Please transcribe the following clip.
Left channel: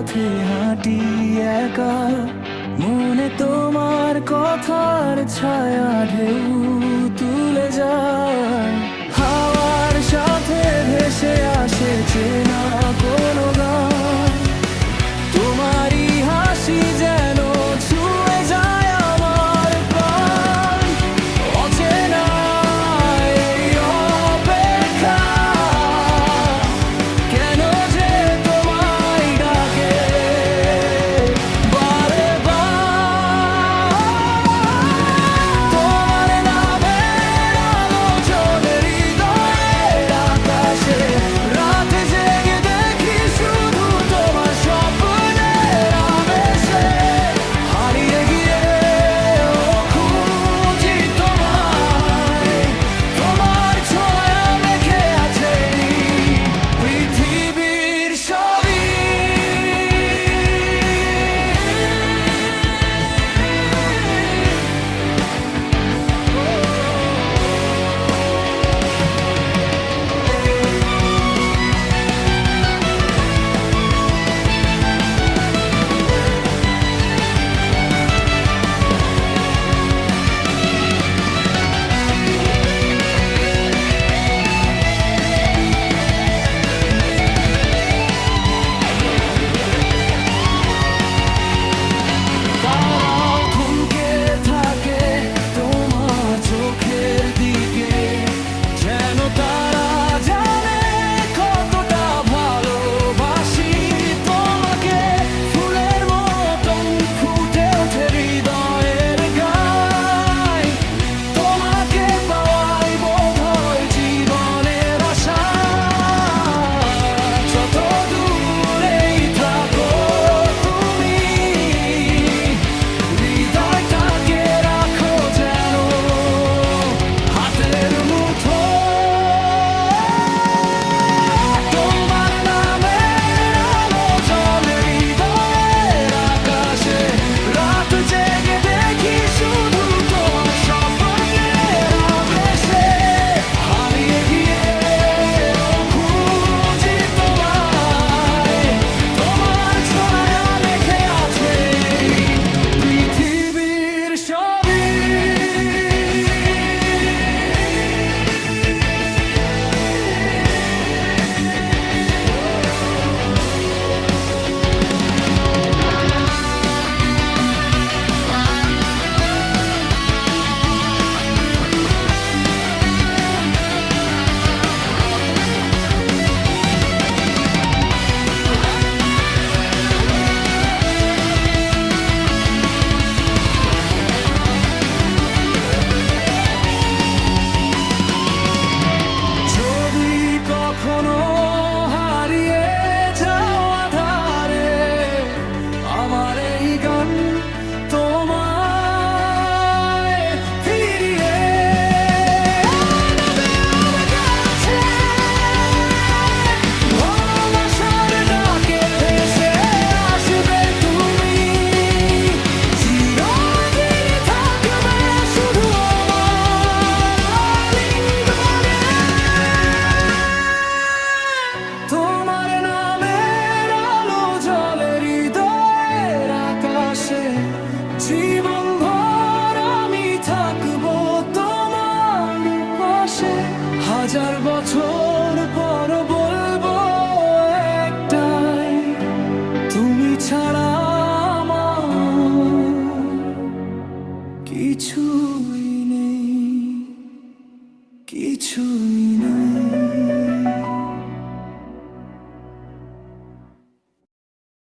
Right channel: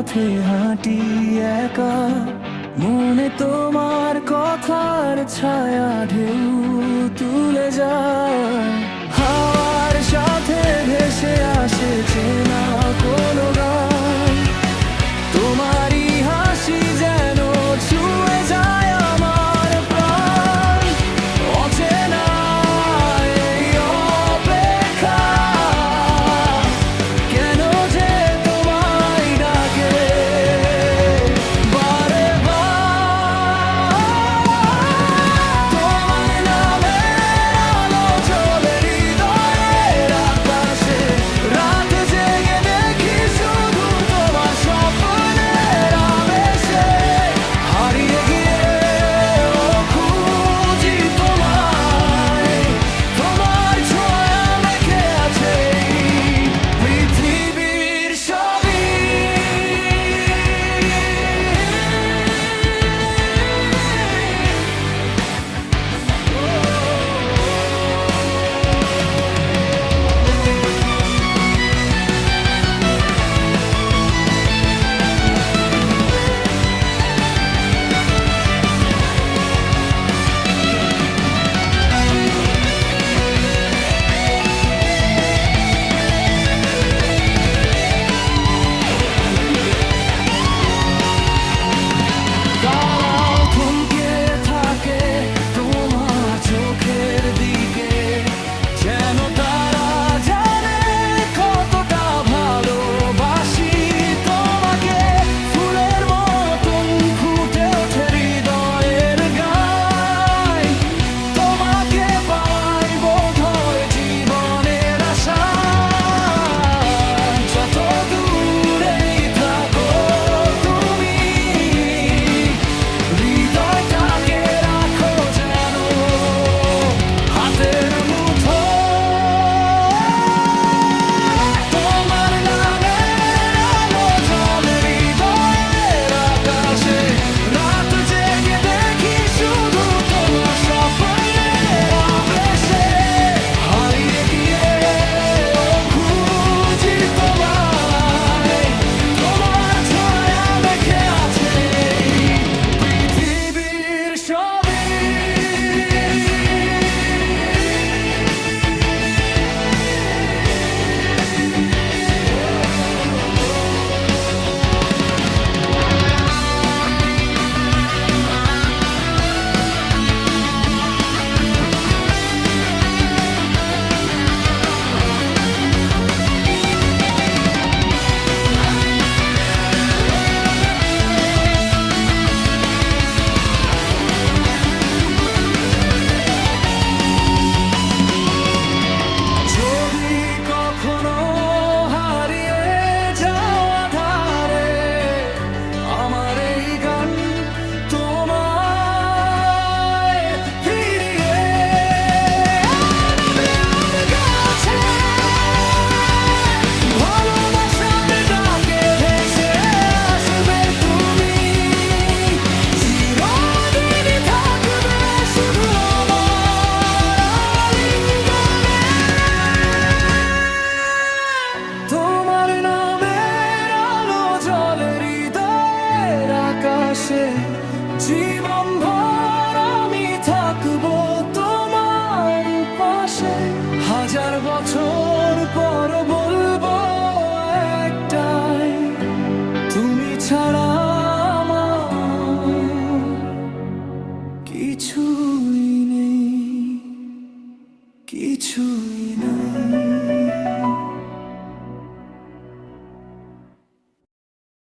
পথে হাঁটি একা, মনে তোমার কথার ছায়া ঢেউ তুলে যায়। হাওয়ার সাথে ভেসে আসে চেনা কোনো গা আকাশে জীবন ভর আমি থাকব তোমার পাশে। হাজার বছর পর বলব একটাই, তুমি ছাড়া কিছুই নেই, কিছুই না